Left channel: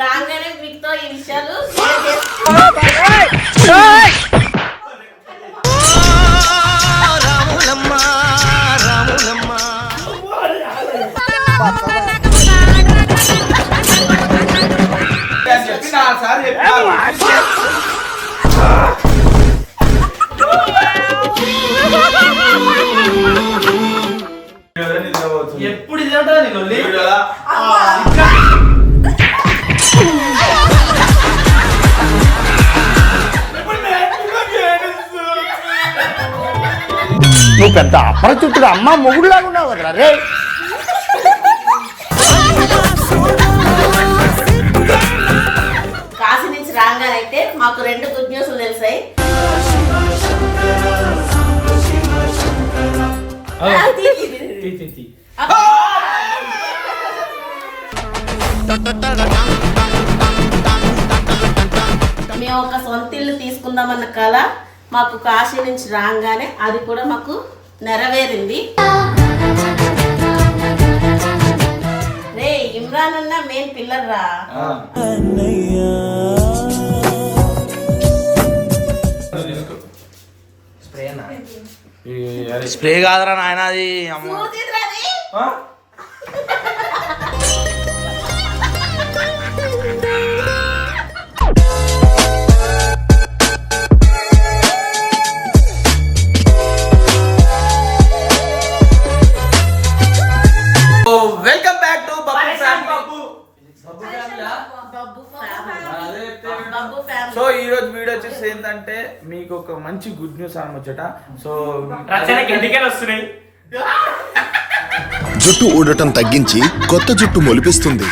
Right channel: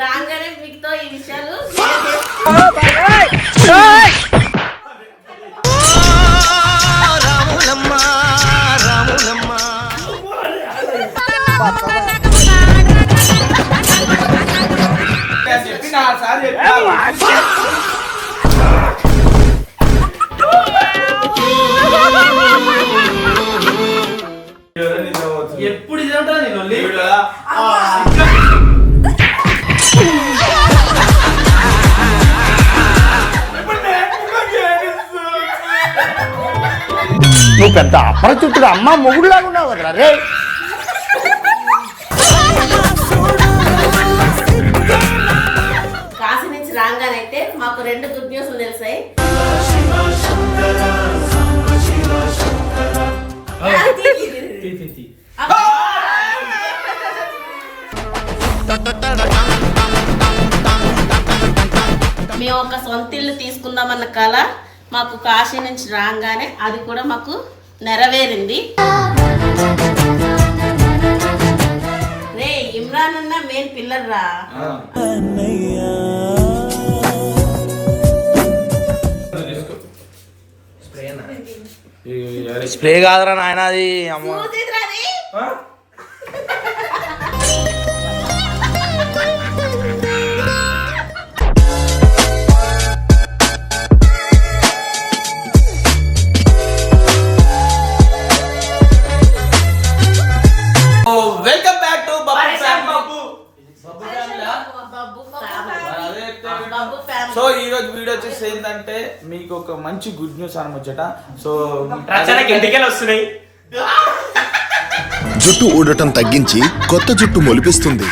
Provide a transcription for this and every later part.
రాగానే మీతో ఈ విషయాలు ఎప్పుడు ఇది అంటారా నేను నువ్వు పెద్ద అపరిచితుడు అమ్మ మొగుడులాగా ఉన్నావు కదరా రే. కాశీ నుంచి రాగానైతే మాకు 2 గుడ్ న్యూస్లు తెలిసాయి. మేము ఒక సొంత ఇల్లు తీసుకుందామన్న కళ మాకు కాశీ నుంచి రాగానే అది కూడా మాకు నెరవేరింది. రే ఇమ్రాన్ అన్న మెయిన్ పిల్లర్ రా. స్ప్రే కాదురా నాయన అది అమ్మ. Welcome back to Babbu family. So ఈ రోజు వీడియో వచ్చేసి ఏంటంటే మీకు ఒక మంచి గుడ్ న్యూస్ అనొచ్చట. సో వస్తున్నాయి. జుట్టు ఊడటం తగ్గించి కొత్త జుట్టు మొలిపిస్తుంది.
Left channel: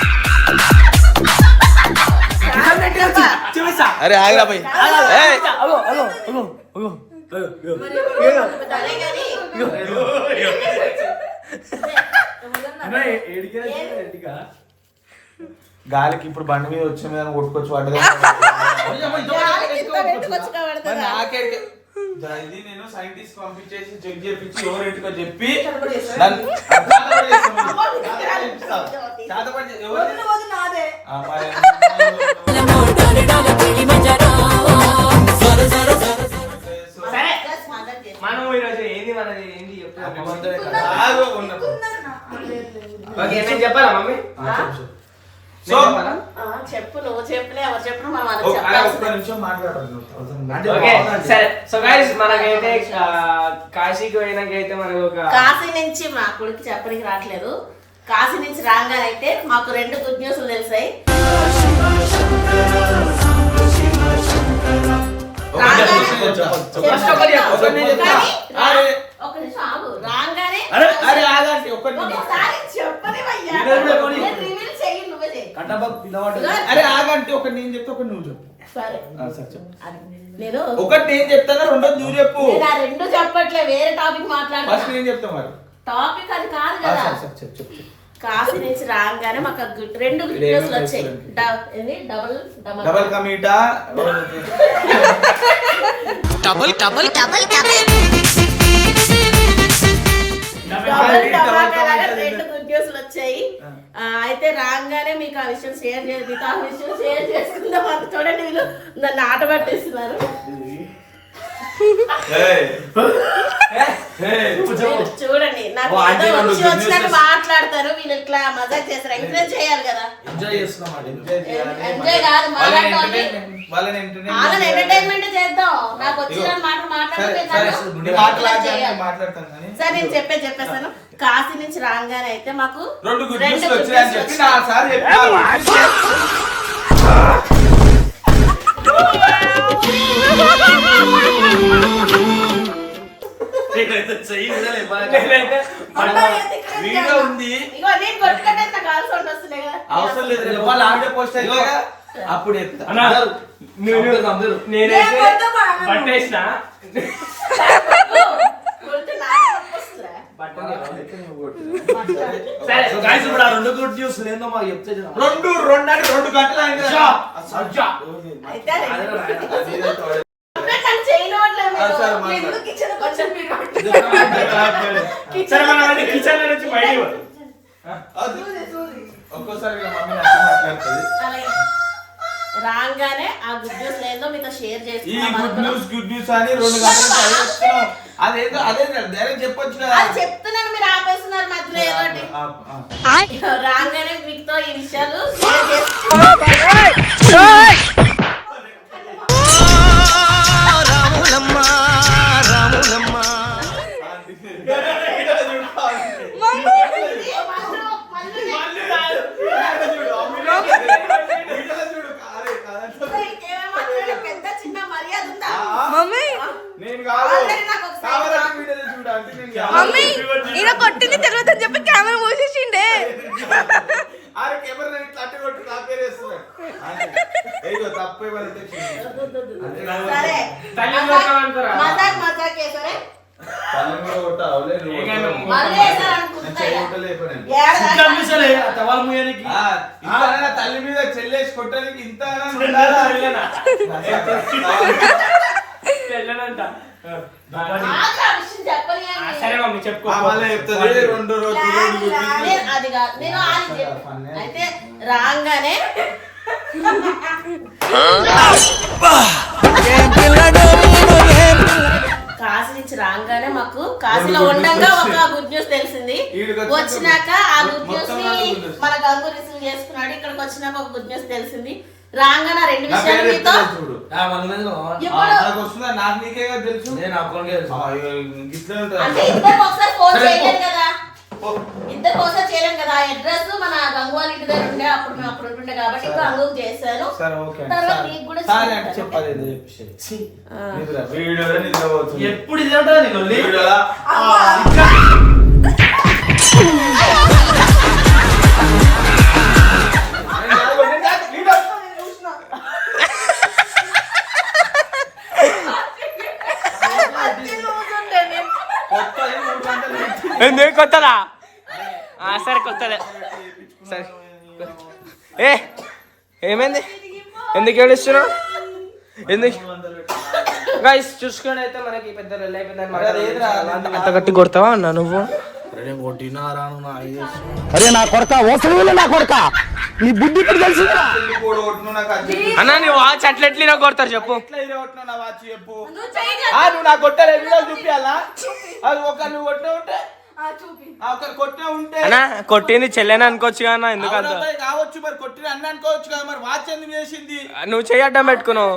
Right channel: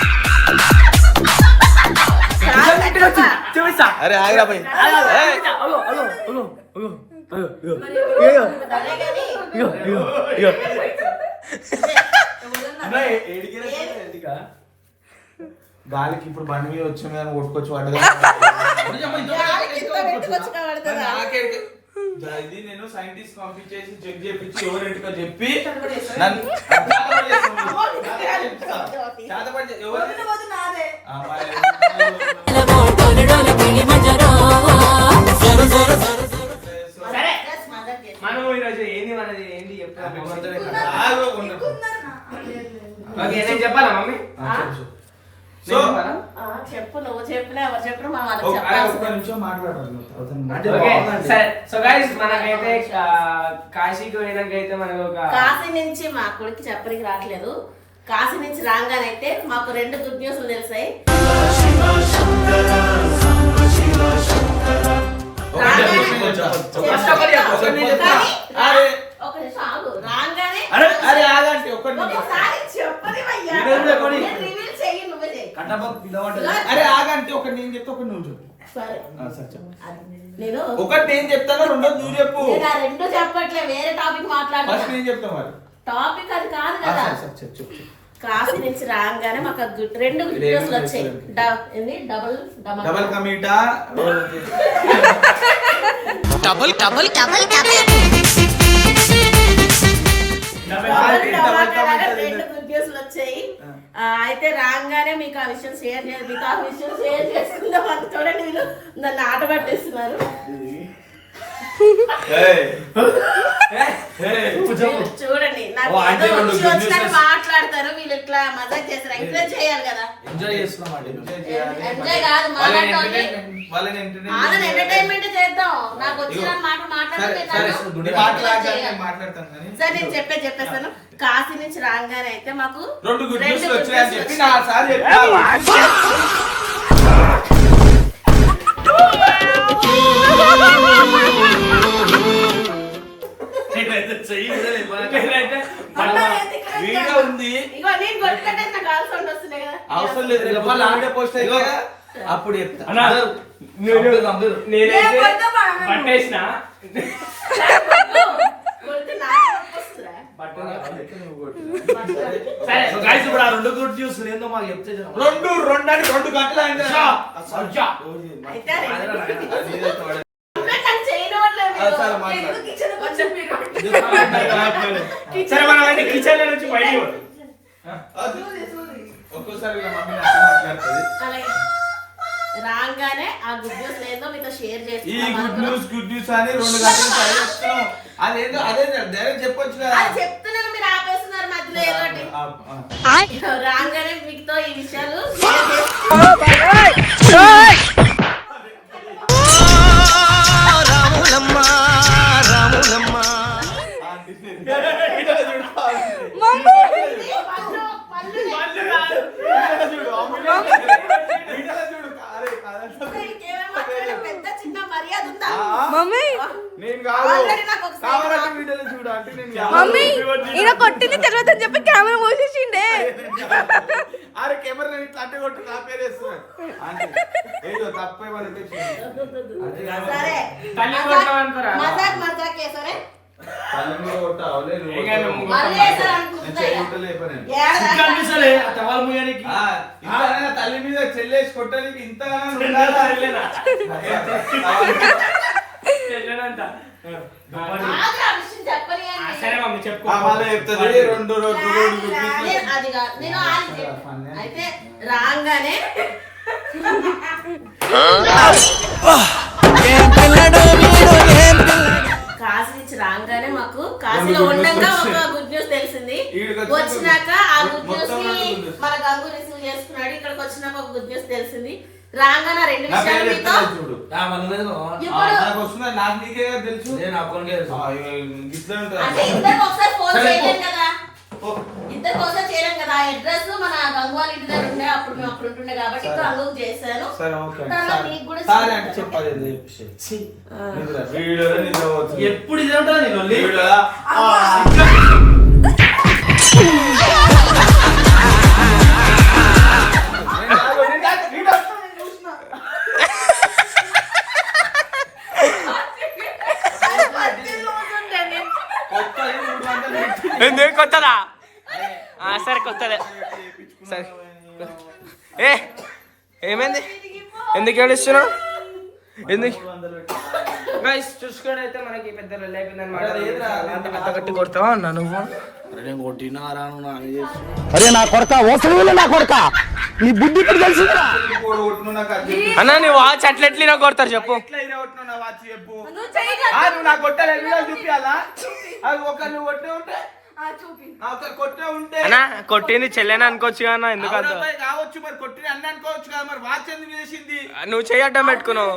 అరే ఆగిరా పోయి గాలికి ఇప్పుడు బండి మీద వచ్చే మీద కొట్టుకొచ్చి పడ్డది. ఇది నేను సైంటిస్ట్ పంపించేసి చెక్ చేయించి ఎవరింటికో చెప్పి చెప్పాలా మమ్మీ? చెప్పు నువ్వు చెప్పినా ఎవరు చెప్పిన మనకైతే కాశీకి పోయినాకైతే మనకు కాశీ నుంచి మా కొడుకు చెప్పడానికి రావట్లేదు. కాశీ నుంచి రాగానైతే మాకు 2 గుడ్ న్యూస్లు తెలిసాయి. ఒక నిమిషం ఆగు. రాగానే చెప్పని అరే ఆగంటే ఒకటి నేను చెప్తే ఒకటి నువ్వు చెప్పు. నేను ఒకటి నేను చెప్తాను, రెండోది నువ్వు చెప్పు. 2 చెప్పట్లే, వేరే టాపిక్ మాట్లాడుతున్నా. ఫస్ట్ నేను చెప్తా మరి. టాపిక్ అది కాదు కదా. చెప్పు. కాశీ నుంచి రాగానే మాకు 2 గుడ్ న్యూస్లు వచ్చాయి. డబల్ కమీటా డబల్ డబల్ డబల్ 2 గుడ్ న్యూస్లు వచ్చాయి. అయితే రాగానే మీకు ఆ విషయం షేర్ చేసుకుందాం అని చూడండి. వీళ్ళు నన్ను ఆట పట్టేస్తున్నారు. చూడండి నాకు వచ్చినట్టు మాట్లాడతారు వీళ్ళు. ఇట్లా మజాక్ చేస్తారు. ఎంకరేజ్ చేయాలి కదా. ఎంజాయ్ కాదు, వాళ్ళని ఎంటర్టైన్మెంట్ చేద్దాం. నాకు వచ్చిన మాట మాట్లాడతాను. సరే నేను చెప్పేస్తాను. కాశీ నుంచి రాగానే అయితే మాకు 2 గుడ్ న్యూస్లు వచ్చాయని చెప్పి నా సార్ వీడియో ఉంది. అవసరం లేదు, వాళ్ళు ఆడే పోస్ట్ అప్పుడు పట్టేసిన ఇప్పుడు ఆ 2 గుడ్ న్యూస్ ఏందో మాకు చెప్తే 2 అంటే 2 గంటలు కిచెన్ నుంచి బయట ఒక్కోసారి ఇలా మమ్మీ నచ్చి మాట్లాడుతుంది. అలాగే రాగానే ఆ గుడ్ న్యూస్ లేదో మీతో షేర్ ఈ గుడ్ న్యూస్ అని 2 గంటలు చదివేస్తున్నాం. అదేదో అదే డైరెక్ట్ చెప్పొచ్చు కదా. చెప్తున్నాను, మీరు ఆపేస్తున్నారు మధ్యలో ఏదోటి. రాగానే మీతో ఈ విషయాలు షేర్ పెద్ద చిన్న మర్యాద ఉందా మమ్మీ? నాకు మమ్మీ ఈయన కొట్టింది తెలియదు అని చెప్పి కెమెరా మూసేసిండే. సరే మజాక్ మజాక్ సరే తల్లి మీద చెల్లేసి కొట్టడానికి ఇంత సరే మమ్మీ చెప్పుకో. 2 రోజులు అది కాదు, నేను అయితే రాగానే కాశీ నుంచి రాగానే మాకు కాశీలో ఉండగా ఒక గుడ్ న్యూస్ తెలిసింది. వచ్చినాక ఆ గుడ్ న్యూస్ ని మన గంగు రిసీవ్ చేసుకున్నాడు. ఇక్కడికి వచ్చినాక ఒక గుడ్ న్యూస్ తెలిసింది. రాగానే 2 విషయాలు మీతో నాకు నీకే తెలుసు. అంటే ఇద్దరికి ఒకసారి ఫోన్ చేయలేం కదా, ఇద్దరికి ఒకసారి చేయలేం కదా. ఆ అడ్రస్ మన గంగు వాళ్ళ ఇంటి దగ్గర ఉండే, అప్పుడు మేము అప్పుడు ఉంటుండే కాబట్టి గంగుకు చేశాను. తర్వాత మీకు కూడా చెప్పాలి. ఎప్పుడు ఇది ఉంటుంది నీకు ఎందుకు కొత్తదా? సరే కొత్తదే. సరే ఏమైంది? ఎందుకు ఏడుస్తున్నావు? ఎందుకు గైస్ చూసుకొని అయితే మనకి పెద్ద రెల్ అయిపోయిందని గట్టి కొడతావా అన్నా నువ్వు? అరే నా కొడక ఓసలి నా కొడక నీ బుద్ధి ఇప్పుడు తెలిసిందా అన్నా నీ వాచ్ అట్లెట్లా కొడతారు చెప్పు. నువ్వు నాకు కొట్టాలి చూపించాలా? నువ్వు కొట్టే ఉంటే అన్నా కొట్టింది చెల్లెని అనుకోవచ్చు కదా, ఎందుకు కావచ్చు మరి కొట్టిన అన్న అనుకోవచ్చు కదా, మరి వాచ్ ఎందుకు చేసింది? నువ్వు చెయ్యి అడ్డం పెట్టుకున్నావు.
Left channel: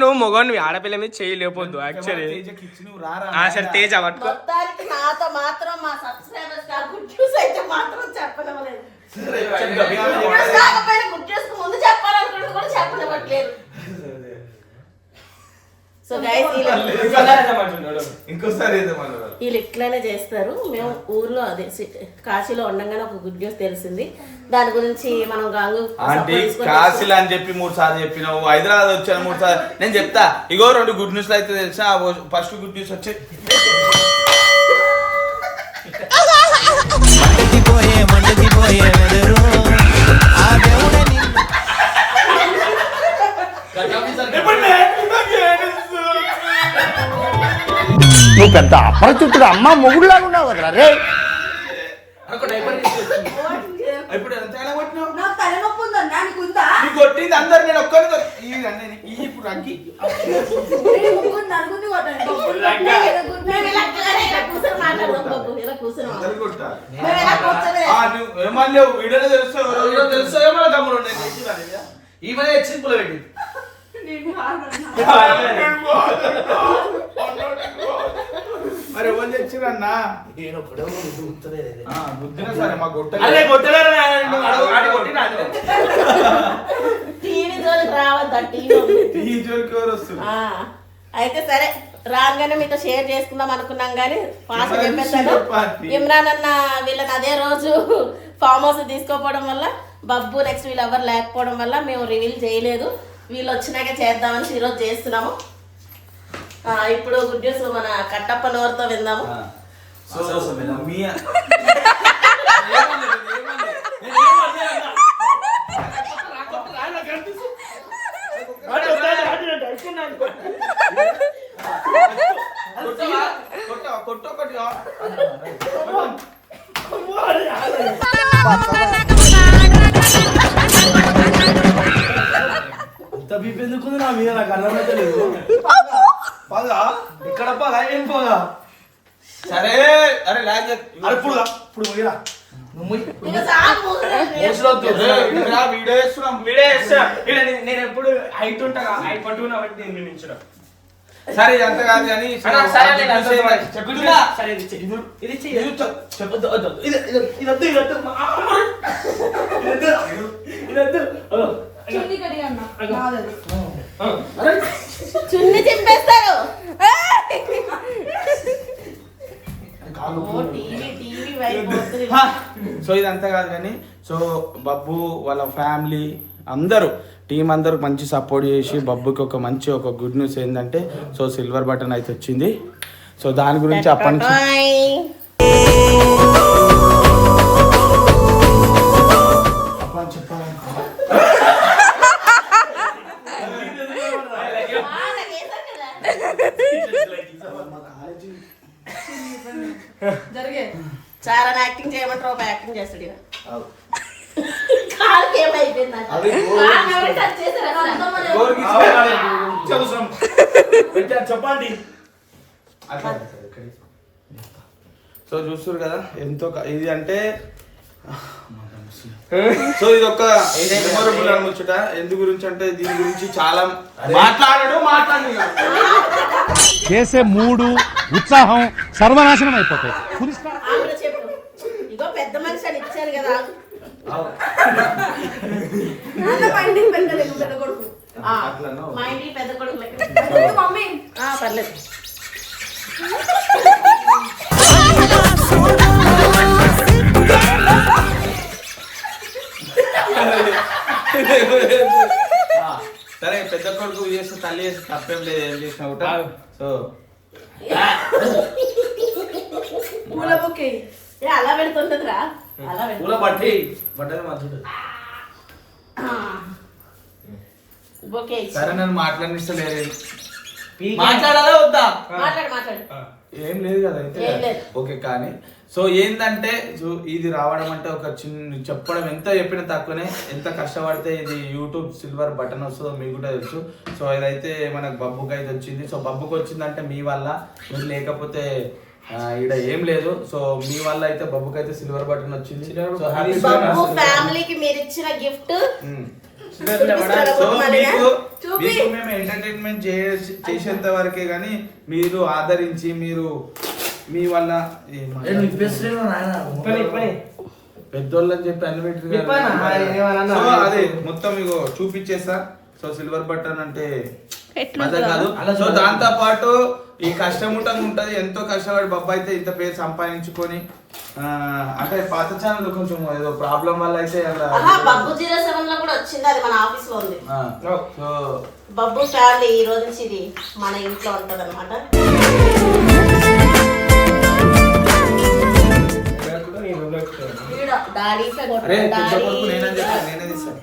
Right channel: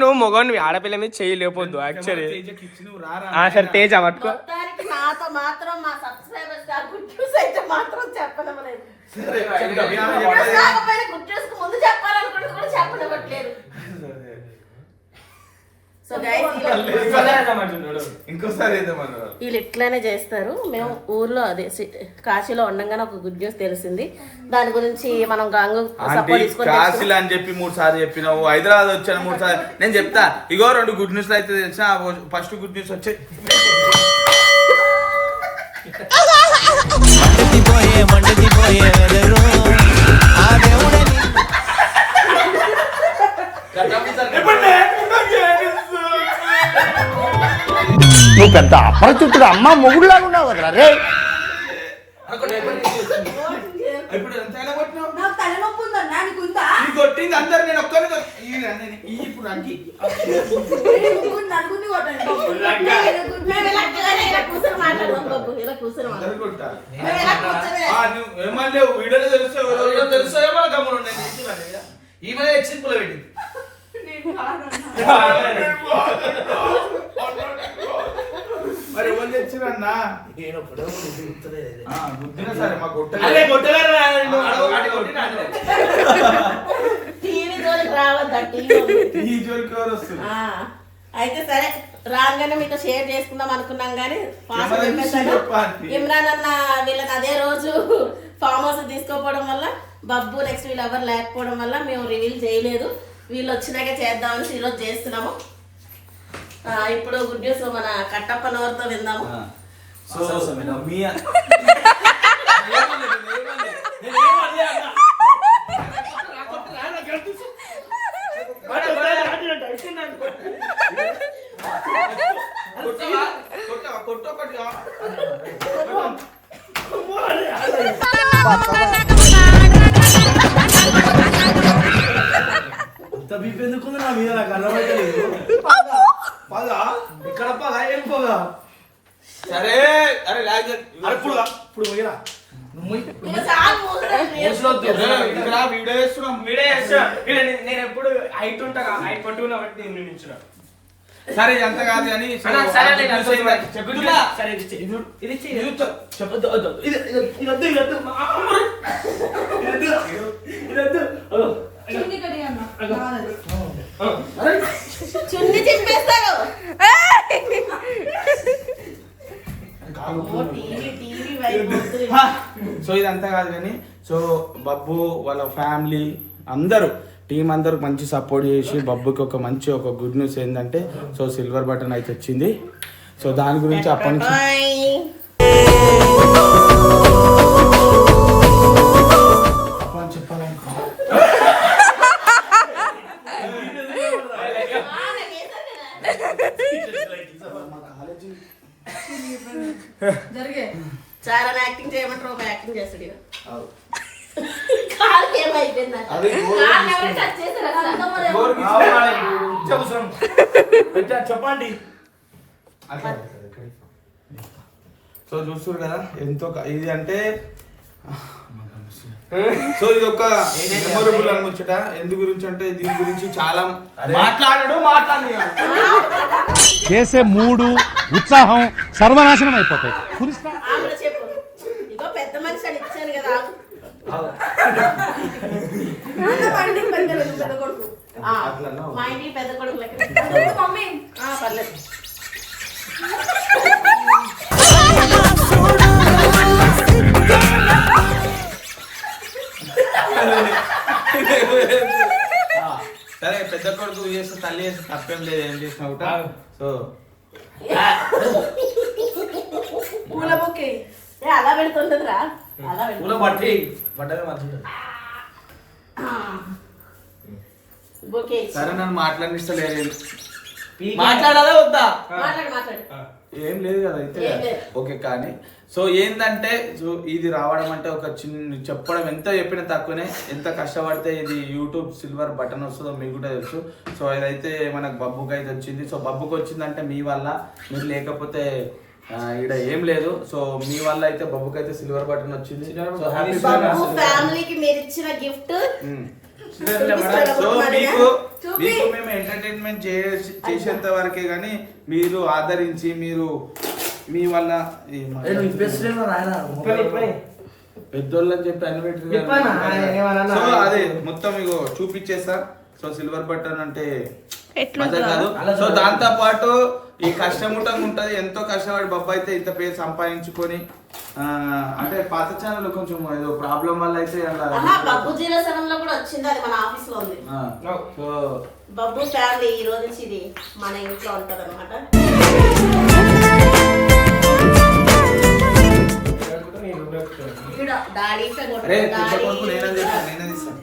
నువ్వు మొగను ఆడపిల్ల మీద చెయ్యి లేకపోద్దు యాక్చువల్లీ. సరే తేజ పట్టుకో. మొత్తానికి నాతో మాత్రం మా సబ్స్క్రైబర్స్ గుడ్ న్యూస్ అయితే మాత్రం చెప్పడం లేదు. గుడ్ న్యూస్ ముందు చెప్పాలనుకుంటే కూడా చెప్పనివ్వట్లేదు. సో గైస్ ఇంకోసారి వీళ్ళు ఇట్లానే చేస్తారు. మేము ఊర్లో అదే కాశీలో ఉండగానే ఒక గుడ్ న్యూస్ తెలిసింది. దాని గురించి మనం గంగు కాశీలో అని చెప్పి 3 సార్లు చెప్పినావు, హైదరాబాద్ వచ్చాను 3 సార్లు. నేను చెప్తా, ఇగో 2 గుడ్ న్యూస్ అయితే తెలిసిన. ఫస్ట్ గుడ్ న్యూస్ వచ్చి నువ్వు పెద్ద అపరిచితుడు అమ్మ మొగుడులాగా ఉన్నావు కదా రే. ఇప్పుడు ఎంతైనా కొట్టింది అందరు. నేను ఒక్కరిని ఇప్పుడు అగ్గి ఏమన్నా వీడియోలో తెలుస్తాయో మన తమ్ముడు ఈమె ఎక్సింపుల్ పెట్టి మరి ఎవరు తెచ్చిరన్నా? గుద్దిన సరే మా అయితే సరే రాగానే మీతో షేర్ చేసుకుందాం అనుకున్నాం కానీ ఫాస్ట్ చెప్పేసాను. ఇమ్రాన్ అన్న వీళ్ళని అదే రోజు ఫామ్ హౌస్ తీసుకోపోవడం వల్ల, బబ్బు నెక్స్ట్ వీళ్ళు ఎవరు లేకపోవడం వల్ల మేము రివీల్ చేయలేదు. వీళ్ళు వచ్చినాక చేద్దామని ఈరోజు చేస్తున్నాము. ఇప్పుడు గుడ్ న్యూస్ మన కట్టప్ప నోరుతో విందాము. కొట్టొకటి అంత బీపీ ఎందుకుంది నా మీద నాకు అర్థమైతే లేదు పదా ఇక్కడ పదా ఏం పోదా సరే అరే లాగ్ ఇప్పుడు పోయిరా ఇక చాలు మూసుకొని. వీడియో చేస్తున్నాం. నేను ఎప్పుడు హైట్ ఉంటా హైట్ పట్టుకున్నా బట్టి నేను నించున్నా. సరే ఇది అంత కాదు కానీ అన్న, సరే, లేదు, అంత వద్దు. చెప్తున్నా. సరే, ఇది ఇచ్చేయ్. ఇది ఇచ్చేయ్. ఇది చెప్పొద్దు ఇదొద్దు చున్ని చింపేస్తారు. టీవీ వైపు వద్దు. సో ఇదంతా కాదు కానీ సో బబ్బు వాళ్ళ ఫ్యామిలీ అందరూ టీం అందరూ మంచి సపోర్ట్ చేసి బబ్బుకి ఒక గుడ్ న్యూస్ ఏంటంటే సో సిల్వర్ బటన్ అయితే వచ్చింది. సో దాని గురించి అప్పటి నుంచి చాలా యాక్టింగ్ చేయమంటారు, ఒక యాక్టింగ్ చేస్తాడు ఇక. కాలుకి ఏమైపోయింది నాకు? కాలు ఎవరైనా touch చేశారా? చెప్పండి సో చూస్తారు కదా ఎంతో ఇది అంటే సో ఇది ఒక మెమొరబుల్ అనముచ్చట. ఎందు గురించి అంటే దీని గురించి చాలా మాట్లాడాడు. చేసే మూడు ఉత్సాహం సర్వనాశనం అయిపోతాయి. ఆమె చెప్పు, ఇగో పెద్ద మనిషి అని ఇచ్చాను కదా. పెద్ద కొడుకు. మా ఇంటికి పెద్ద కొడుకు లెక్క. మమ్మీ పర్లేదు. సరే పెద్ద కొడుకు చేస్తే తల్లి చేస్తే తప్పేం లేదు, ఏం చేసినా కూడా. సో అలా పెడుతుంటదిరా, అలా పూల బట్టి బట్టలు మంచిది బొకే. సరే నన్ను మాట్లాడిస్తలేదు. మాట్లాడాలా వద్దా? మాట్లాడు. ఏం లేదు కదా అయితే ఏం లేదు. ఓకే. కానీ సో ఏంటంటే సో ఇది రావడం అంటే ఒక చిన్న చెప్పడం ఎంత చెప్పినా తక్కువనే. ఎంత కష్టపడితే ఇది యూట్యూబ్ సిల్వర్ బటన్ వస్తుందో మీకు కూడా తెలుసు. సో ఇదైతే మనకు బబ్బుకి అయితే వచ్చింది. సో బబ్బుకి వచ్చిందంటే మీ వల్ల, మీరు లేకపోతే ఈడ ఏం లేదు. సో మీ వల్ల అయితే బబ్బుకి అయితే సిల్వర్ బటన్ వచ్చింది. సో హ్యాపీ బబ్బు ఫ్యామిలీకి మీరు ఇచ్చిన గిఫ్ట్. సో మీకు మేము ఎంటర్టైన్మెంట్ చేసేంత వరకే కానీ మీరు ఆదరించి మీరు మీ వల్ల పెద్దోళ్ళని చెప్పి అన్ని పెట్టి సో అదే మొత్తం ఇగో చూపించేస్తా. సో సిల్వర్ బటన్ అంటే మజా కాదు. సో దాంతో పాటు ఈ కష్టముటంగా ఉంటది. ఎంతో కష్టపడి బొబ్బ అయితే ఇంత పేరు సంపాదించుకొని అంటే పాత ఛానల్ కొంచెం ఏదో ప్రాబ్లం వల్ల అయితే బబ్బు 07 లో కూడా వచ్చింది, అది మన ఆఫీస్ లో ఉంది. సో బబ్బు ఫ్యామిలీ ఈ రోజు నుంచి ఇది మన ఇంట్లో ఉంటది అనమాట. నేనే తీస్తాను.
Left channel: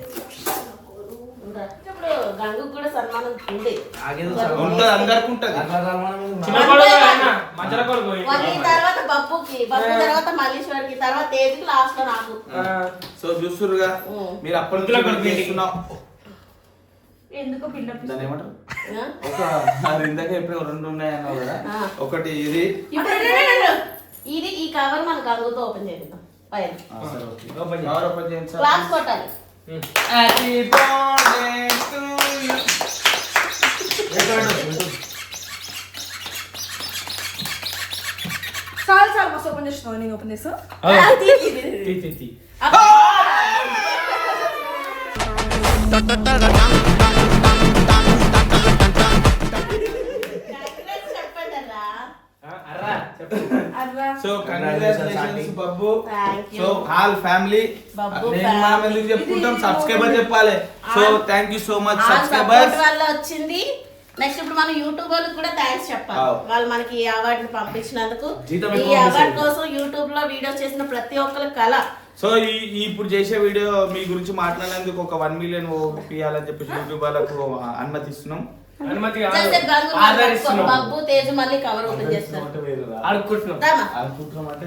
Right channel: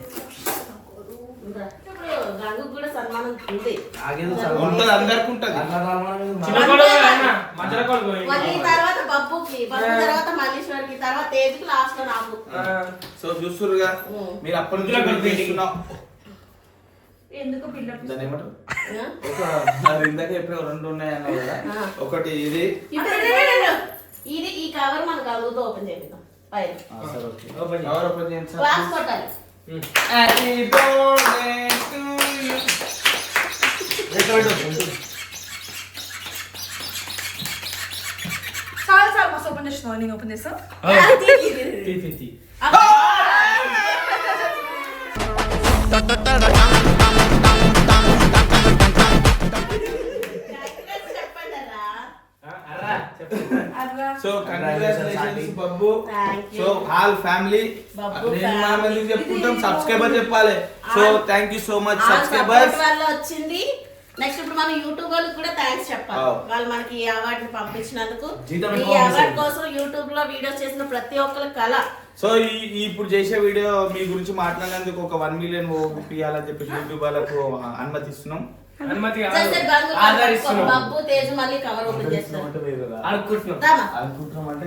గంగు కూడా సన్మానం ఉంది, ఉంటది, అందరికి ఉంటది. మళ్ళీ తర్వాత బబ్బుకి, బబ్బు తర్వాత మల్లీశ్వరికి, తర్వాత తేజుకి, లాస్ట్ లో నాకు. సో చూస్తురుగా మీరు అప్పటి నుంచి తీసుకున్నాం. దాన్ని ఏమంటారు? ఒక ఇందాక ఎప్పుడు రెండు ఉన్నాయన్నావు కదా. ఒకటి ఇది ఇది ఈ కవర్ మన గంగుతో ఓపెన్ చేద్దాం. పైన కవర్ ఓపెన్ చేయండి. క్లాస్ కొట్టాలి. Happy birthday to you. చాలా మస్తు ఓపెన్ చేస్తున్నావు. నేను ఓపెన్ చేస్తా. So congratulations Babbu. So all family నేను మా ఎందుకు చెప్పుకుంటాం, సబ్స్క్రైబర్ చెప్పాలి. So thank you so much subscribers వల్ల వచ్చింది. నెక్స్ట్ ఇప్పుడు మనం యూట్యూబ్ వాళ్ళకి కూడా థ్యాంక్స్ చెప్పాలి. వాళ్ళు మనకి ఈ అవార్డు ని పంపించినందుకు. ఈ అవార్డు కోసం యూట్యూబ్ లో వీడియోస్ చేసిన ప్రతి ఒక్కరి కళ. సో ఇప్పుడు చేసే వీడియో మీ గురించి మాట్లాడేందుకు ఒక 1 మిలియన్ ఇవ్వాలని చెప్పి యూట్యూబ్ వాళ్ళకు అనుమతిస్తున్నాం. బబ్బు తేజు మళ్ళీ కవర్ ఓపెన్ చేస్తారు. అనుకుంటున్నాం అనుకుంటున్నాం అంటే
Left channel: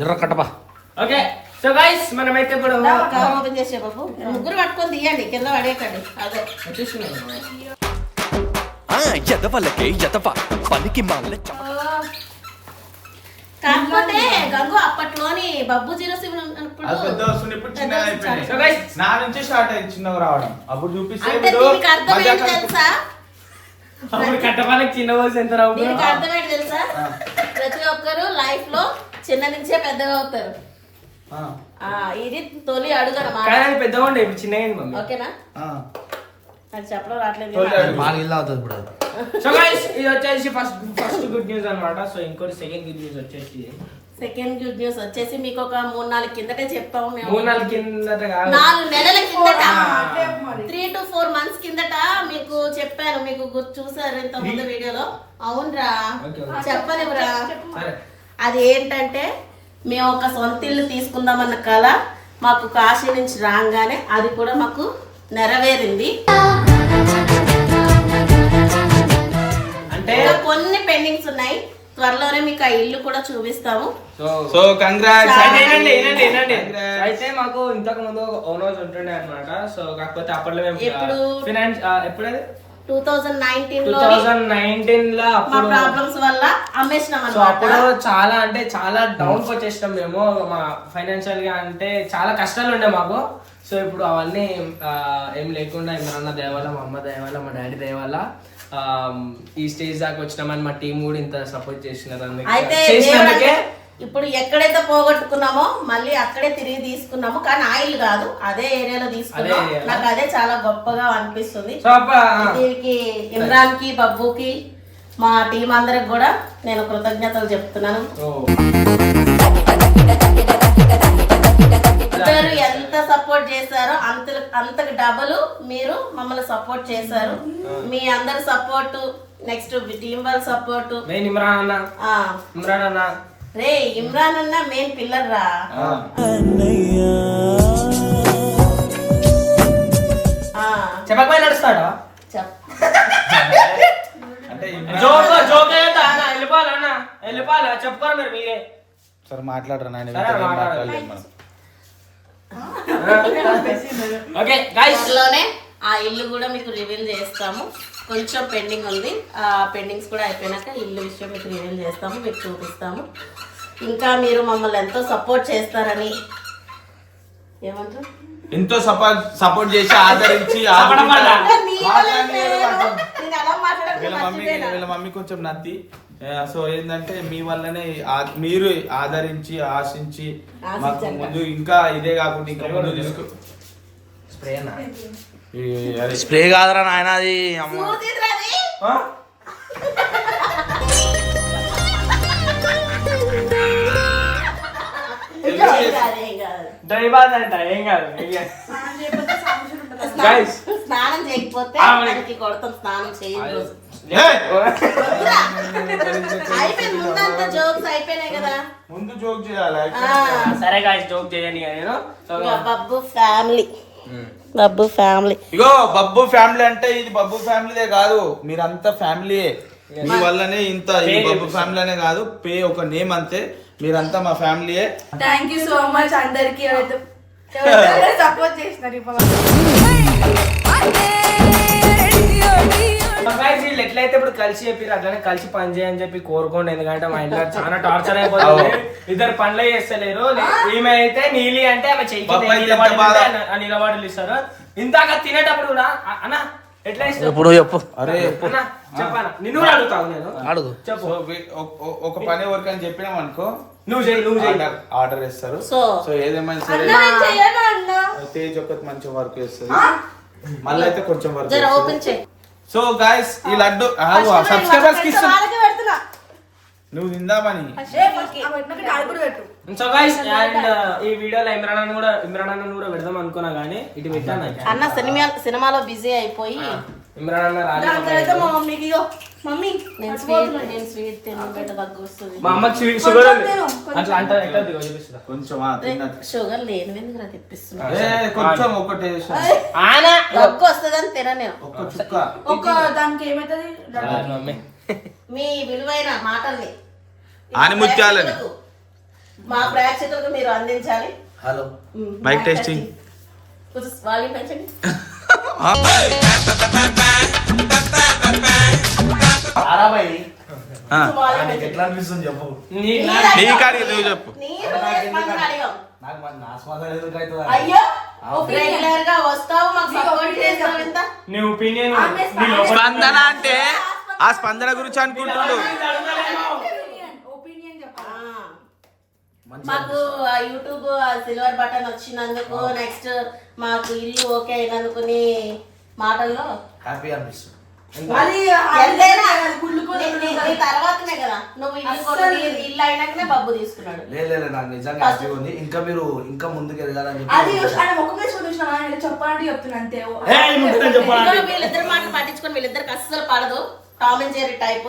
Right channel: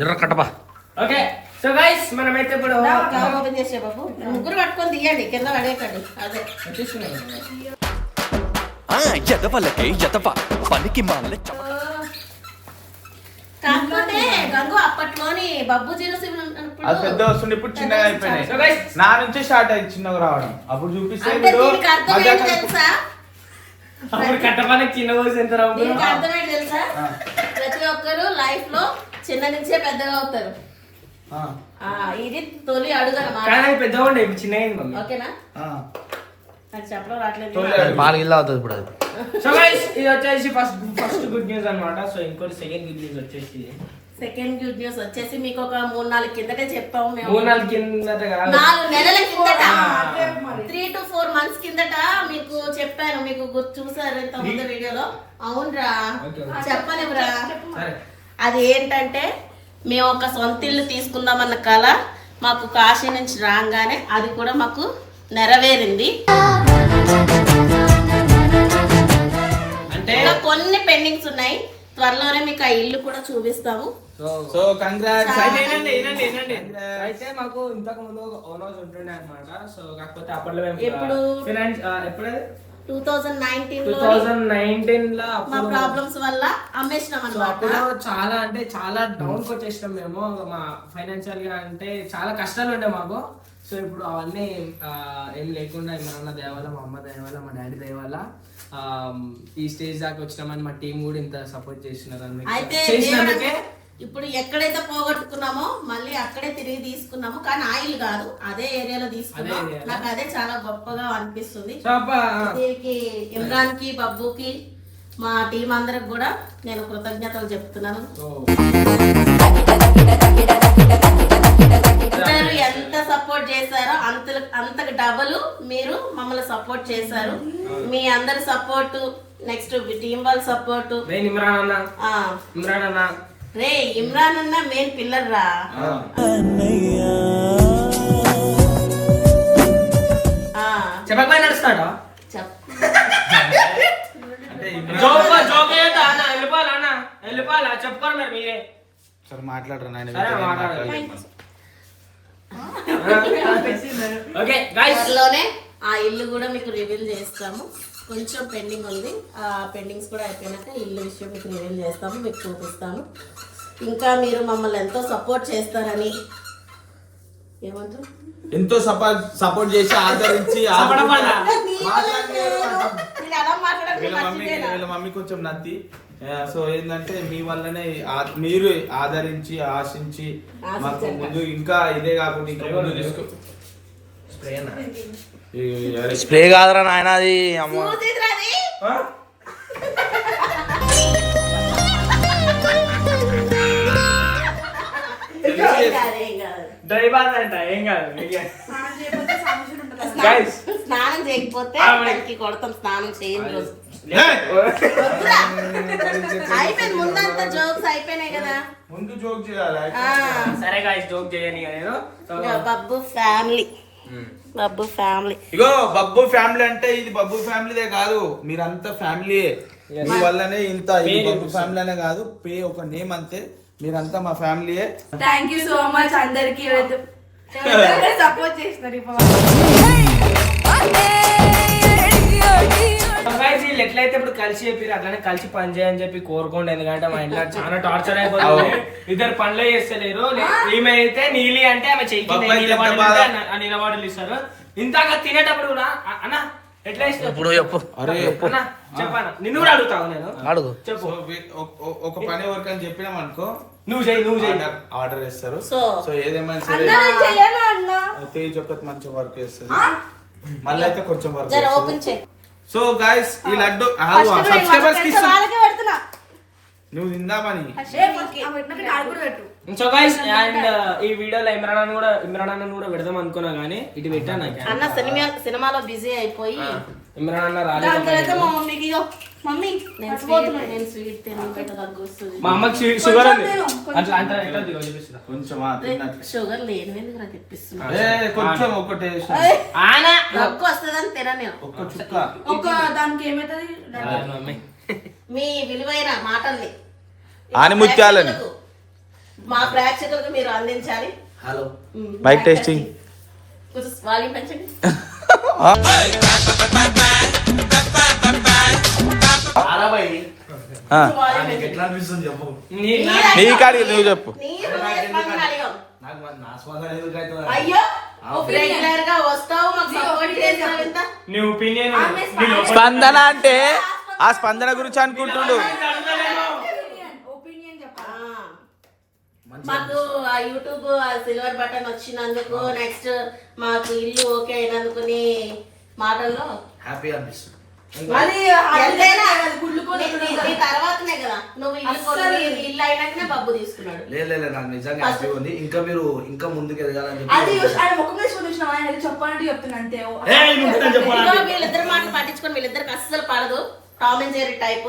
జర్ర కట్టబా ఓకే సో గైస్ మనమైతే ఇప్పుడు కవర్ ఓపెన్ చేసే బాబు ముగ్గురు పట్టుకొని తీయండి కింద పడేయకండి అదే ఎదవలకే ఎదవ పనికి మాల కాకపోతే గంగు అప్పట్లోని బబ్బు 07 అది పెద్ద వస్తుంది ఇప్పుడు చిన్నగా అయిపోయింది. So guys, నా నుంచి స్టార్ట్ అయింది చిన్నగా రావడం అప్పుడు చూపిస్తే అంటే ఇప్పుడు దీనికి అర్థం ఏంటి తెలుసా అప్పుడు కట్టపాలకి చిన్న వయసు ఎంత రావు దీనికి అర్థం ఏంటి తెలుసా ప్రతి ఒక్కరు లైఫ్ లో చిన్న నుంచే పెద్దగా అవుతారు ఆ, ఇది తొలి అడుగు అన్నమాట కానీ అది పెద్దగా ఉండే ఇప్పుడు చిన్నగా అయింది మమ్మీ. ఓకేనా ఆ. నాకు చెప్పడం రావట్లేదు తొలి అడుగు. బాగా ఇల్లు అవుతుంది ఇప్పుడు అది. సో గైస్ ఇది వచ్చేసి ఫస్ట్ గుడ్ న్యూస్ అన్నమాట. సో ఇంకోటి సెకండ్ గుడ్ న్యూస్ వచ్చేసి సెకండ్ గుడ్ న్యూస్ వచ్చేసి మీకు ఒక 3-4 కిందటే చెప్పాము మేము 3-4 కిందట కాదు 4 నెలల కిందట 3 to 4 months కిందట మీకు చెప్పాను మీకు చూసారు ఇంత ముందు వీడియోలో అవునరా చెప్పనివ్వరా సరే అది ఏంటంటే మేము ఒక సొంత ఇల్లు తీసుకుందామన్న కళ మాకు కాశీ నుంచి రాగానే అది కూడా మాకు నెరవేరింది అంటే ఇంకా కొన్ని పెండింగ్స్ ఉన్నాయి త్వరలోనే మీకు ఆ ఇల్లు కూడా చూపిస్తాము సో కంగ్రాట్స్. అయితే మాకు ఇంతకు ముందు ఓన్ హౌస్ ఉంటుండే అన్నమాట. సో కాకపోతే అప్పట్లో మేము ఎప్పుడు? ఫినాన్స్ ఎప్పుడైతే 2019 లో 2019 లో మా అప్పుడు ప్రాబ్లమ్స్ వల్ల అమ్మేసినాం సో అప్పుడు అన్నమాట చాలా అంటే చాలా డౌన్ వచ్చేసినాం మేము మా ఫైనాన్షియల్ గా అంటే చాలా కష్టాలు ఉండే మాకు. సో ఇప్పుడు అవన్నీ ఏం లేకుండా మా నాన్న దయ వల్ల మా అమ్మ దయ వల్ల మా డాడీ దయ వల్ల ఈ స్టేజ్ దాకా వచ్చినామని మా టీం కూడా ఇంత సపోర్ట్ చేసినారు అయితే చేసినందుకే ఇప్పుడు ఎక్కడైతే పోగొట్టుకున్నామో మళ్ళీ అక్కడే తిరిగి తీసుకున్నాము కానీ ఆయిల్ కాదు అదే ఏరియాలో తీసుకున్నాం అదే area. నాకు అదే చాలా గొప్పగా అనిపిస్తుంది సో దీనికి ఇమ్రాన్ కి బబ్బుకి మా టీం అందరికి కూడా నేను కృతజ్ఞతలు చెప్తున్నాను ఇద్దరు ఎంత సపోర్ట్ చేశారో అంతకు డబుల్ మీరు మమ్మల్ని సపోర్ట్ చేశారు మీ అందరి సపోర్ట్ నెక్స్ట్ టీం వాళ్ళ సపోర్ట్ నేను ఇమ్రాన్ అన్న రే ఇమ్రాన్ అన్న మెయిన్ పిల్లర్ రా చెప్పకపోయి నడుస్తాడా చెప్ అంటే జోక్ వెళ్ళిపోవాలా చెప్పుకోరు మరి మీరే సరే మాట్లాడరా నాయన. సరే, మాట్లాడాలి. ఓకే గైస్ త్వరలోనే ఆ ఇల్లు కూడా మీకు రివీల్ చేస్తాము కొంచెం పెండింగ్ ఉంది ఆ పెండింగ్స్ కూడా అయిపోయినాక ఇల్లు విషయం మీకు రివీల్ చేస్తాము మీకు చూపిస్తాము ఇంకా మీరు మమ్మల్ని ఎంతో సపోర్ట్ చేస్తారని ఏమంటారు ఎంతో సపోర్ట్ చేసి ఆదరించి వీళ్ళ మమ్మీ కొంచెం నత్తి. సో ఏంటంటే మీ వల్లనే మీరు ఆదరించి ఆశించి మాకు ముందు ఇంకా ఇదే కాకుండా ఇంకా ముందు తీసుకో స్ప్రే కాదురా నాయన అది అమ్మ ఏం కాదు స్నానం చేయకపోతే దానికి కొడతాం స్నానం చేయని రోజు అయిపోయింది ముందంతా జోక్స్ అయిపోయినాయి కదా ముందు జోక్ చేయాలి. సరే గాయ్స్ జోక్ చేయని నేను బబ్బు ఫ్యామిలీ బబ్బు ఫ్యామిలీ ఇగో బబ్బు ఫ్యామిలీ అంటే ఇది బబ్బు ఫ్యామిలీదే కాదు మీరంతా ఫ్యామిలీయే. మీ వల్లనే ఇంత ఇది బబ్బు ఫ్యామిలీ అనే కాదు పే ఒక నేమ్ అంతే మీరంతా మా ఫ్యామిలీయే. థ్యాంక్ యూ సో మచ్ అందరికి ఎవరైతే సపోర్ట్ చేసినారు వీళ్ళు ఎట్లయితే ఇప్పుడు కలిసి చెప్పి అట్లనే కలిసి పని చేయని చెప్పి కోరుకోండి ఎందుకంటే మా ఇంట్లో చాలా టార్చర్ అయిపోతుంది ఇద్దరు పనులు చేస్తలేరు ఈమె అయితే నీలి అంటే ఆమె చెయ్యి నిలబడలు ఇస్తారు ఇంతాక తినేటప్పుడు కూడా అన్న ఎట్లా ఇస్తారు ఇప్పుడు చెప్పు అరే చెప్పాను నిన్ను కూడా అడుగుతావు నేను అడుగు చెప్పు ఒక పని వర్క్ అని చెప్పినాం అనుకో నువ్వు చెయ్యి ఆర్డర్ ఇస్తారు. సో సో ఏదేమైనా సరే తేజ్ ఒకటి మంచి వర్క్ చేస్తుంది మళ్ళీ అయితే కొంచెం వర్క్ జర ఓపెన్ చేయి సో గాయస్ ఈ లడ్డు సబ్స్క్రైబర్స్ కి ఇస్తున్నా నువ్వు తిందామని. సో గైస్ అండ్ ఈ వీడియోలో ఇమ్రాన్ అన్న కూడా పెడదాం అనుకున్నా కానీ ఇటు పెట్టాను అన్న సినిమాలో బిజీ అయిపోయి ఇమ్రాన్ అన్న దాని తర్వాత రాలేదు మా మమ్మీకి ఇగో మమ్మీ నేను స్వీట్ తినబెట్ట దగ్గు వస్తుంది మా అమ్మకి షుగర్ ఉంది అట్లా అంటే ఎట్లా చూపిస్తున్నా కొంచెం తిన్నది షుగర్ లేని తెప్పిస్తున్నా కొంచెం ఒకటి దగ్గు వస్తుందని తిననే ఒక్క చుక్క ఒక దానికి ఏమైతుంది మీ విలువైన మాటల్ని ఆనిముత్యాలని మా ప్రేక్షకులకు మీరు అందించాలి. Hello mic testing. కొంచెం వాల్యూమ్ పెంచండి. వాల్యూమ్ పెంచండి. ఎట్లా అనిపిస్తుంది చెప్పు. నీ కాడికి నువ్వు చెప్పు. నాకు నా స్పందన ఎందుకు అవుతుంది? అయ్యో రెగ్యులర్ గా వస్తావు మాకు సపోర్ట్ చేస్తావు ఇంత. నీ ఒపీనియన్ స్పందన అంటే ఆ స్పందన గురించి అనుకుంటుండు. ఒపీనియన్ చెప్పాలి. మాకు ఆ యూట్యూబ్ సిల్వర్ బటన్ వచ్చినందుకు, నెక్స్ట్ మాకు ఇల్లు ఓకే అయినందుకు నీ మాటల్లో హ్యాపీ అనిపిస్తుంది. అది ఎంతైనా గుళ్ళుకొని నీ తర్వాతనే కదా నువ్వు ఇల్లు కొనుక్కొని ఇల్లు అయినాకనే బబ్బు తీసుకున్నాడు. లేదు నాకు నిజంగా హ్యాపీ ఉంది. ఇంకా ముందుకు ఎదగాలని అది చెప్పి ఆయన ముఖం మీద చూపించిన ఆయన చెప్పాలంటే చెప్తున్నా అంతే. ఇదిగో వీళ్ళిద్దరు మాటలు పట్టించుకొని వీళ్ళిద్దరికి అస్సలు పడదు. Tom and Jerry type.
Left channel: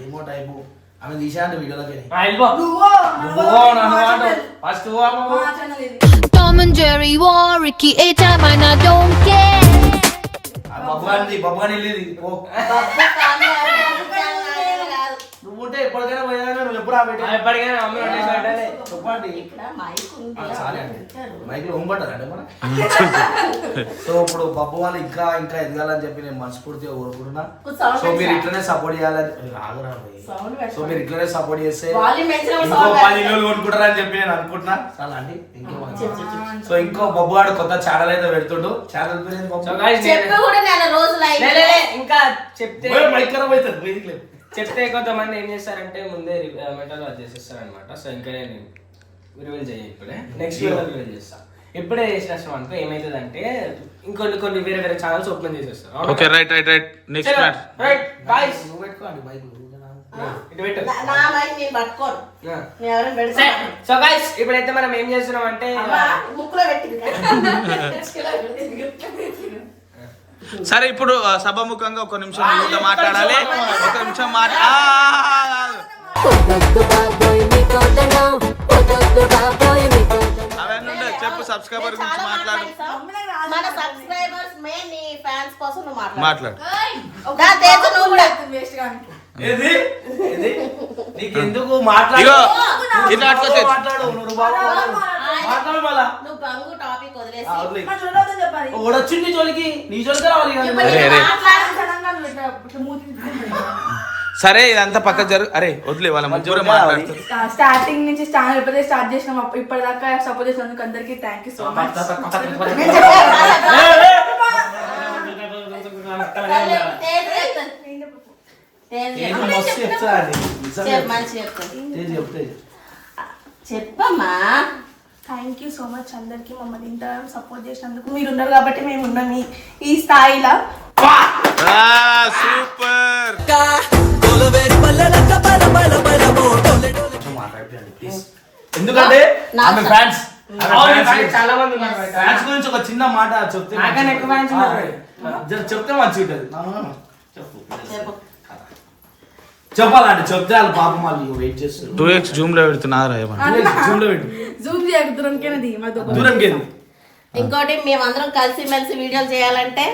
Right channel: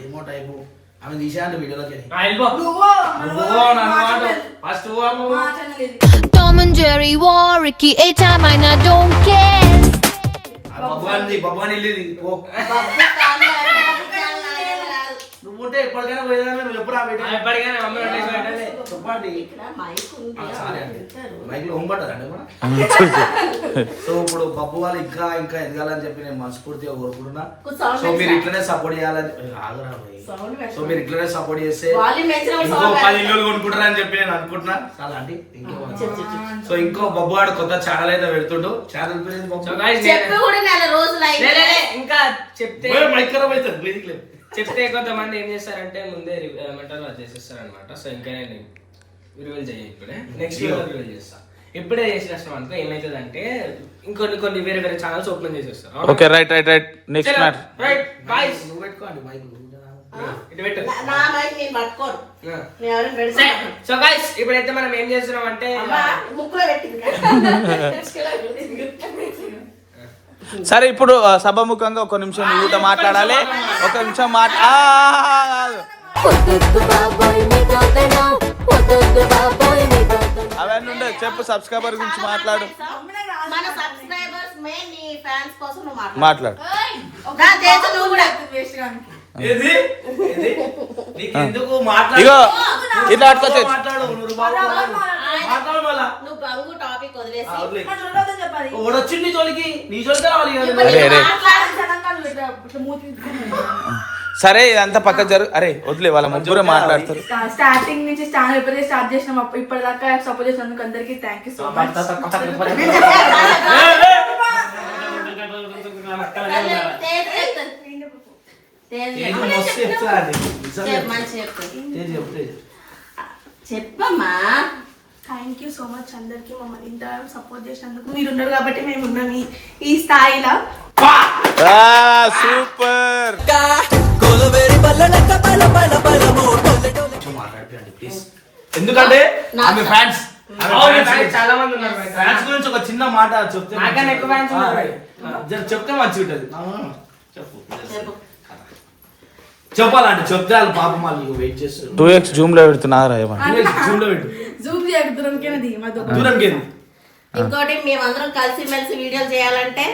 ఏమో టైపు ఆమె తీసాండి వీడియోలోకి. ఫస్ట్ మా ఛానల్ ఇది. Tom and Jerry war, Ricky A-Time, and I don't care. బొబ్బాని ఇల్లు పో. బబ్బు కాదు, బబ్బు ఛానల్ నాదేం కాదు. నువ్వు ఉంటే ఎప్పటికైనా పోయినా నువ్వు ఎప్పుడు ఎప్పటికైనా అమ్మ చెప్పండి. ఇక్కడ మైక్ ఉంది. సారీ అండి మైక్ లో హోంపడ్డారండి మన. సో ఇప్పుడు బబ్బు వాళ్ళు ఇంకా ఎదగాలని చెప్పి నేను మనస్ఫూర్తిగా కోరుకుంటున్నా. సౌండ్ సో మీరు ఇట్లనే సపోర్ట్ చేయాలని సో మీరు ఇట్లనే సపోర్ట్ చేస్తే వాల్యూమ్ పెంచిన ఇంకో 10 ఇల్లు కొనుక్కుంటారని చెప్పి నేను అనుకుంటున్నా. చాలా అండి సో ఇంకో బబ్బు వాడు కొత్త ఛానల్ అయితే పెడుతుండు. ఛానల్ పేరు ఏంది బబ్బు? చెప్పి కూడా నెల రోజులు అయింది. ఇంకా చెప్తే మైక్ ఖరాబ్ అవుతుంది బేసిక్లీ. చెప్తే కొంతమంది ఏం చేస్తారంటే ముందే మెంటల్ చేసేస్తారు అనమాట. సో ఇంకా నేను రివీల్ చేయ ఇప్పుడే నెక్స్ట్ రివీల్ చేస్తా. ఇప్పుడే చేసేస్తాం అనుకో ఏమైతుంది అంటే ఇంకొన్ని వేరే ఛానల్స్ ఓపెన్ చేసేస్తారు. Okay right next matter. Right guys నువ్వు పెట్టుకోండి మైక్. ఇది పెట్టు. నా మైక్ నేను పట్టుకోను. నేను ఎవరైనా పెడతాను. సో గైస్ ఇప్పుడైతే మనం ఏం చేస్తున్నాం అంటే అమ్మా ముక్కులో పెట్టింది. సరే ఇప్పుడు సభాముఖంగా ఒక నిమిషం మీతో మాట్లాడాలి. ఒక నిమిషం అవన్నీ ఉండదు. చెప్పు సబ్స్క్రైబర్ గురించి మాట్లాడు. మన సబ్స్క్రైబర్స్ మెయిన్ నీ ఫ్యాన్స్ కోసం నువ్వు మాట్లాడు. నా దేశం నువ్వు కూడా వేస్ట్ గాని. ఏది నీకెందుకు ఇగో ఇట్లా అట్లా చేసి మాట్లాడు మళ్ళా. నువ్వు బంగు టాపిక్ వదిలేసి మరి చూడొద్దని చెప్పాలి. ఓడొచ్చింది నీ జోలికి, నీ జోలికి రావాలి కదా. అరే తెలంగాణలో ఇట్లా మూతి తిప్పుకుంటుంది. సరే ఇదంతా పక్క జరుగు. అరే వదిలే వాళ్ళ ముగ్గురు మాట్లాడతారు. స్టార్టింగ్ నుంచి ఛానల్ ఎప్పుడైతే స్టార్ట్ చేసినాం ఇప్పటిదాకా సపోర్ట్ చేసినందుకు అందరికీ థ్యాంక్ యూ సో మచ్. ఏదో మస్తు చెప్తా అది. మంచి చెప్తాను. ఏది చెప్తే చెప్పమ్మా. థ్యాంక్ యూ సో మచ్ అందరికి మమ్మల్ని ఇంత సపోర్ట్ చేసినందుకు. మీరు ఉన్నారు కాబట్టి మేము ఉన్నాం ఈ స్థాయిలో. సూపర్. మాట్లాడిపోయండి ప్లీజ్. ఎందుకంటే ఆమె ఫ్యాన్స్ చాలా మంది ఉన్నారు. ఫ్యాన్స్ గురించి ఒక చిన్న మాట చెప్తే నాకన్నా ఎక్కువ ఫ్యాన్స్ ఉన్నారు. చెప్తే మంచిగా ఉంటుంది. చెప్పు. చెప్పాలంటే చెప్తే వాళ్ళు పాపం వాళ్ళు వెయిట్ చేస్తారు. 2x జూమ్ లో పెడుతున్నారా ఏమన్నా? జూమ్ లో పెట్టు. జూమ్ చేయకు దూరంకేనది దూరంకి ఇంకోటి మేమందరం కలిసి మెలిసి వీడియోలు చేయాలంటే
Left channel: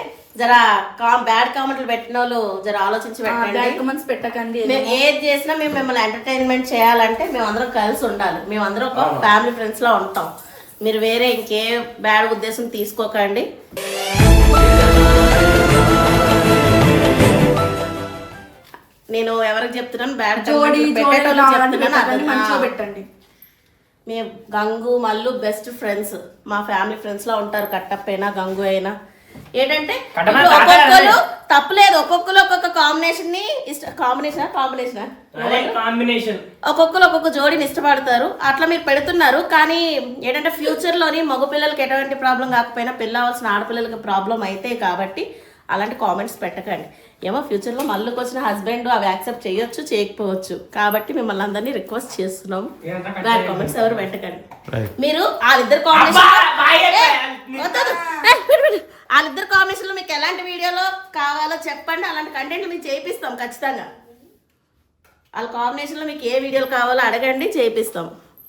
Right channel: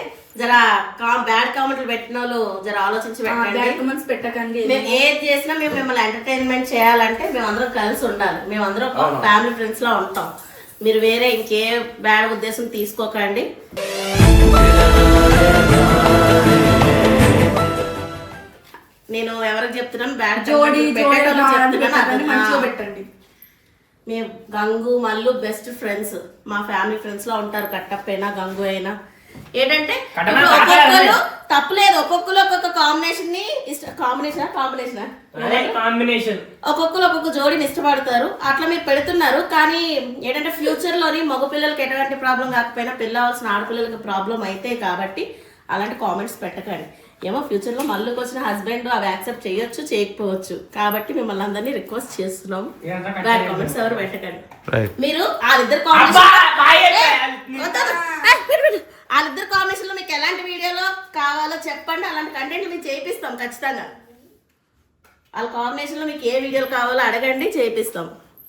జరా బ్యాడ్ కామెంట్లు పెట్టిన వాళ్ళు జర ఆలోచించి పెట్టండి. పెట్టకండి. మేము ఏది చేసినా మేము మిమ్మల్ని ఎంటర్టైన్మెంట్ చేయాలంటే మేమందరం కలిసి ఉండాలి. మేమందరం ఒక ఫ్యామిలీ ఫ్రెండ్స్ లా ఉంటాం. మీరు వేరే ఇంకే బ్యాడ్ ఉద్దేశం తీసుకోకండి. నేను ఎవరికి చెప్తున్నాను బ్యాడ్ మంచిగా పెట్టండి. మేము గంగు మల్లు బెస్ట్ ఫ్రెండ్స్. మా ఫ్యామిలీ ఫ్రెండ్స్ లా ఉంటారు. కట్టప్పైనా గంగు అయినా ఏంటంటే ఒక్కొక్కరు తప్పులేదు. ఒక్కొక్కరు ఒక్కొక్క కాంబినేషన్ ని కాంబినేషన్ ఒక్కొక్కరు ఒక్కొక్క జోడిని ఇష్టపడతారు. అట్లా మీరు పెడుతున్నారు. కానీ ఏంటంటే ఫ్యూచర్ లోని మగ పిల్లలకి ఎటువంటి ప్రాబ్లం కాకపోయినా పెళ్ళి అవ్వాల్సిన ఆడపిల్లలకి ప్రాబ్లం అయితే కాబట్టి అలాంటి కామెంట్స్ పెట్టకండి. ఏమో ఫ్యూచర్ లో మళ్ళీకి వచ్చిన హస్బెండ్ అవి యాక్సెప్ట్ చేయొచ్చు చేయకపోవచ్చు. కాబట్టి మిమ్మల్ని అందరినీ రిక్వెస్ట్ చేస్తున్నాం బ్యాడ్ కామెంట్స్ ఎవరు పెట్టకండి. మీరు వాళ్ళిద్దరు కాంబినేషన్ లో మీకు ఎలాంటి వీడియోలో కావాలో చెప్పండి. అలాంటి కంటెంట్ మేము చేపిస్తాం ఖచ్చితంగా. వాళ్ళ కాంబినేషన్ లో మీకు ఏ వీడియోలు కావాలో అడగండి, చేపిస్తాం.